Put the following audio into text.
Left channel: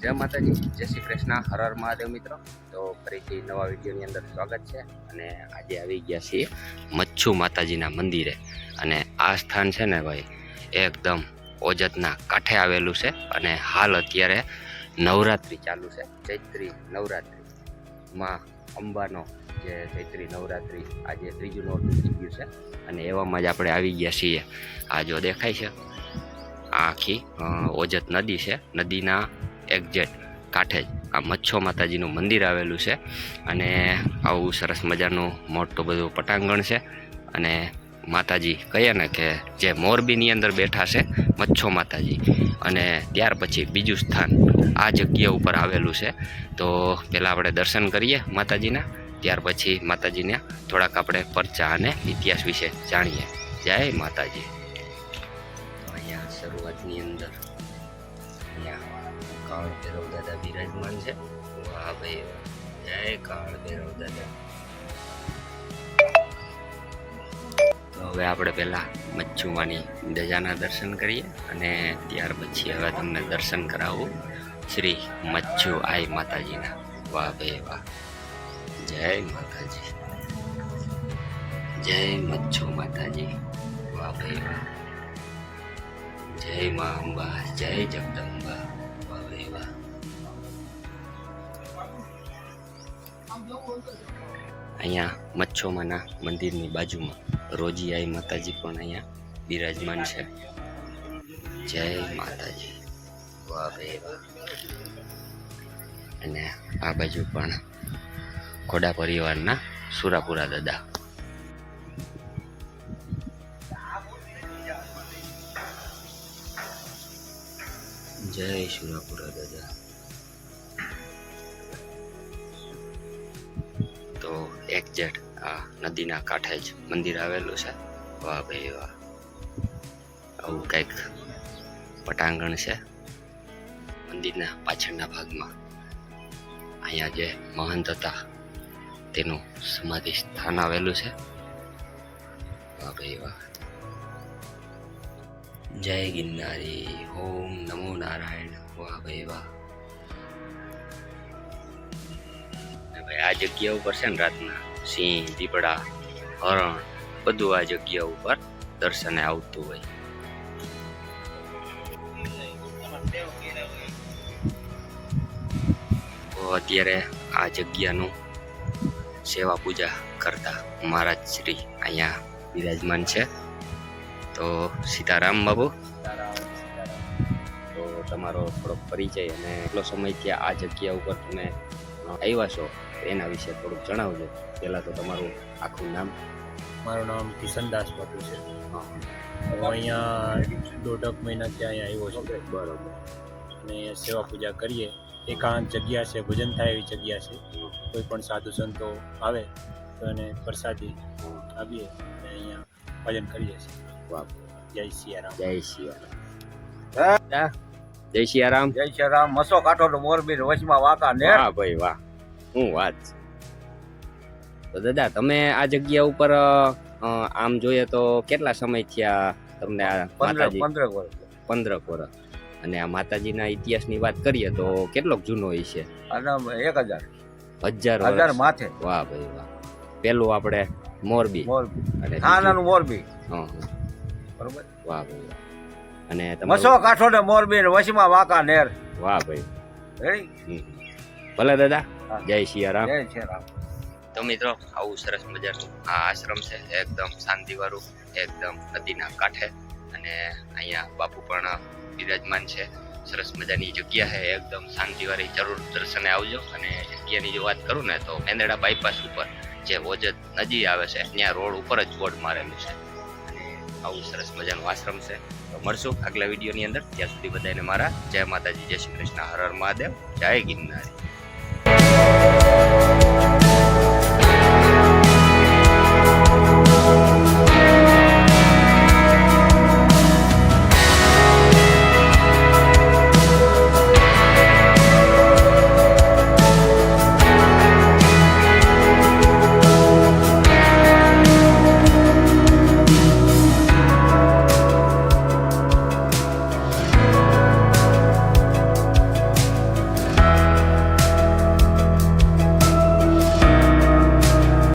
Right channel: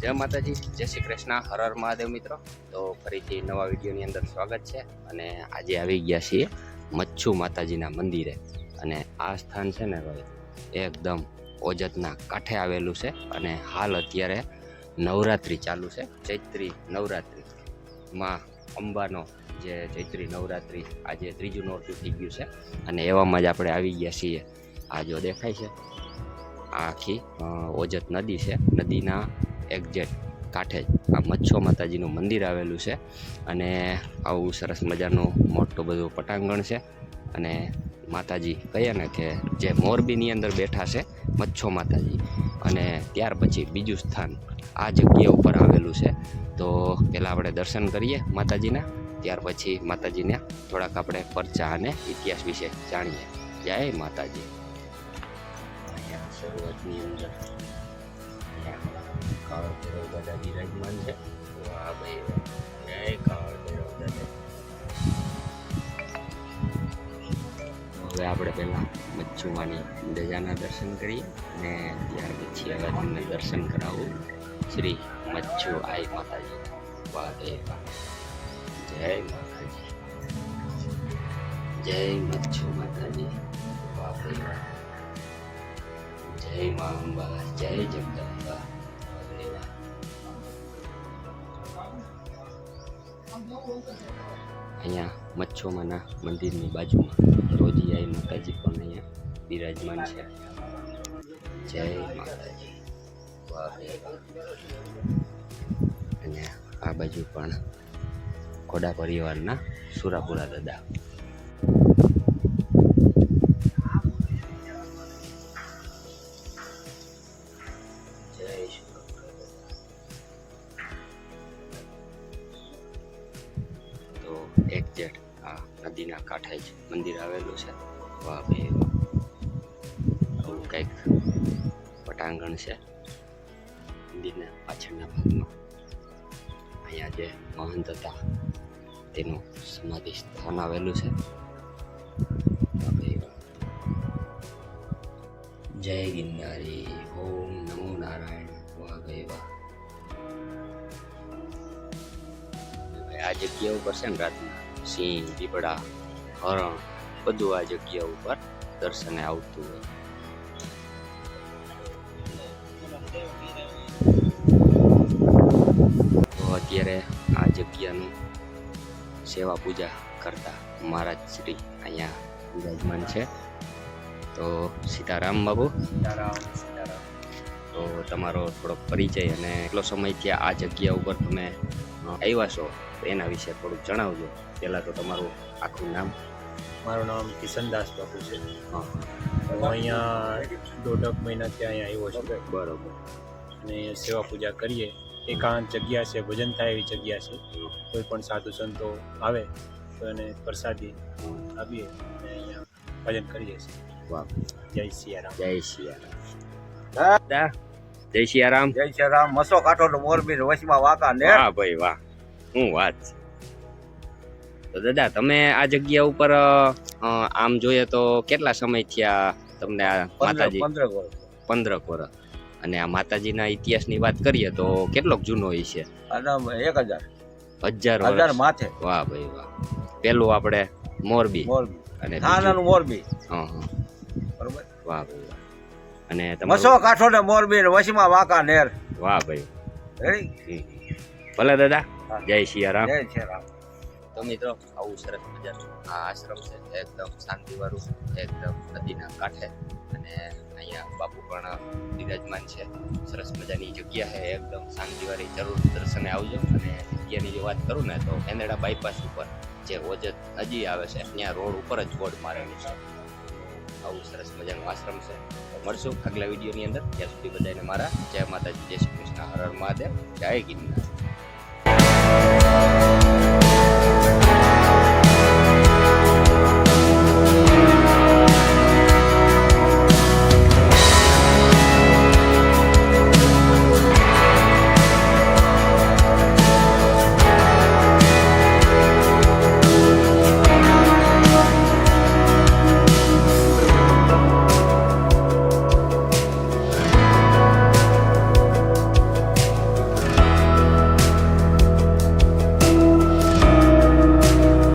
જય માતાજી, જય શ્રી કૃષ્ણ, હર હર મહાદેવ મિત્રો. તો ફરીથી નવા વિડીયોની અંદર સ્વાગત છે. અને આજે આવી ગયા છીએ મચ્છુ માતાજીના મંદિરે. અને આ સ્થાન છે ને ભાઈ, એકદમ ઓજતના કાંઠે આવેલું છે. અને હાલ અત્યારે નવરાત્રિ ચાલુ છે, ચૈત્રી નવરાત્રિ. માં અંબાનો જે ચૈત્રી નવરાત્રિ આજે ત્રીજું નોરતું થઈ ગયું છે. અને એવામાં જ આપણે આવી ગયા છીએ. આ જો દેખાય છે, આ આખી ઓજત નદી છે. નદીના એક્ઝેક્ટ કાંઠે જ આ મચ્છુ માતાજીનું મંદિર આવેલું છે. અને આવું સરસ મજાનું મોટું બધું પટાંગણ છે. અને માતાજી કહીએ ને કે જે મોરબીની અંદર બેઠા છે મચ્છુ માતાજી. અને ત્યાર પછી બીજું સ્થાન આ જગ્યા ઉપર આવેલું છે. તો પહેલાં આપણે દર્શન કરીએ માતાજીના, ત્યાર પછી માતાજીને થોડાક આપણે પરચા અને ઇતિહાસ વિશે જાણીએ. જય માતાજી. અહીંયા શરૂઆતની અંદર અહીંયા કાળ ભૈરવ દાદા બિરાજમાન છે. વાહ ભાઈ વાહ, જય કાળ ભૈરવ દાદા. તો હવે આપણે પહેલાં મચ્છુમાની ધજાના દર્શન કરીએ અને ત્યાર પછી હવે તમને દર્શન કરાવું શ્રી મચ્છુ આઈ માતાજીના. વાહ ભાઈ વાહ, જય માતાજી, જય મચ્છુ માતાજી. વાહ ભાઈ વાહ, જય મા અંબા, જય જગદંબા. વાહ ભાઈ વાહ. અહીંયા મચ્છુમાના મંદિરની બાજુમાં રોજી આઈ માતાજી પણ અહીંયા બિરાજમાન છે. જય માતાજી. વાહ ભાઈ વાહ. અને આ બાજુ પણ ઘોડા પરિવારના સુરાપુરા દાદા. જય સુરાપુરા દાદા. તો એક્ઝેક્ટ આ નદીના કાંઠે જ મંદિર આવેલું છે. વાહ ભાઈ વાહ. આવું કંઈક પટાંગણ છે મંદિરના પાછળના ભાગમાં. અહીંયા જે મહંત હતા તેનું સમાધિ સ્થાન આવેલું છે. વાહ ભાઈ વાહ. જય ગિરનારી, ઓમ નમો નારાયણ. વાહ ભાઈ વાહ. ભાઈ આ જગ્યા ઉપર છે ને રાતના સિંહ, દીપડા, હરણ બધું આ જગ્યા ઉપર દર્શને આવતું હોય. તો અત્યારે આ જગ્યાનું સેવા પૂજા કરતા મહારાજ શ્રી અહીંયા બિરાજમાન છે. તો સીતારામ બાબુ. તો તમારો થોડોક પરિચય અને કેટલો સમયથી આ જગ્યા ઉપર તમે આવ્યા છો એના વિશે થોડુંક જણાવજો. પહેલાં તો તમારું આખું નામ. મારું નામ કિશનદાસ બાપુ છે. હા, હું અહીંયા 1.5 મહિનાથી અહીંયા આવ્યો છું. બરોબર. અને સેવા પૂજા કરીએ. એકાંત જગ્યા છે, ભજન થાય એવી જગ્યા છે. કોઈ પણ સાધુ સંતો આવે તો એને પ્રસાદી આપીએ અને અહીંયા ભજન કરીએ છીએ. વાહ, જય સિયારામ. જય સિયારામ. જય સિયારામ. જય શ્રી રામ. મસો કાંઠો તો મોરબી વચમાં વાંકા ને. વાહ ભાઈ વાહ, શું વાત છે. તો દાદા તમે આ જગ્યા ઉપર આમ જોઈએ તો કેટલા સમય થયા તમને આ માતાજી? 15 વર્ષ. 15 વર્ષ. અને આ માતાજીના ઇતિહાસની વાત કરીએ તો કેટલોક જૂનો હોય છે? અને 1000 1000 1000 વર્ષ. માથે. વાહ ભાઈ વાહ. પેલું આપણે મોરબી મોરબી અને નાનાનું મોરબી. હા હા, બરોબર. વાહ ભાઈ વાહ. અને મસો કાંઠો ને મોરબી ને વચમાં વાંકા નેર. વાહ ભાઈ. રેડી. ભલે દાદા, હા. જય સિયારામ. જય શ્રી રામ. તો મિત્રો આવું સરસ મજાનું આ આશ્રમ છે, એકદમ શાંતિવાળું, એકદમ નદીના કાંઠે. અને અહીંયા બાપુ પણ બિરાજમાન છે. સરસ મજાની જગ્યા છે, એકદમ શાંતિવાળી. જરૂર દર્શને આવજો. અને જગ્યાની જો વાત કરું ને તો મેંદરડા બાયપાસ ઉપર જે ઓજત નદી આવે છે ત્યાં રોડ ઉપર જ બોર્ડ મારેલું છે. અને આવું સરસ મજાનું આશ્રમ છે. તો મળશું આગલા વિડીયોની અંદર. ત્યાં સુધી બધાને મારા જય માતાજી, જય શ્રી કૃષ્ણ, હર હર મહાદેવ, જય ગિરનારી.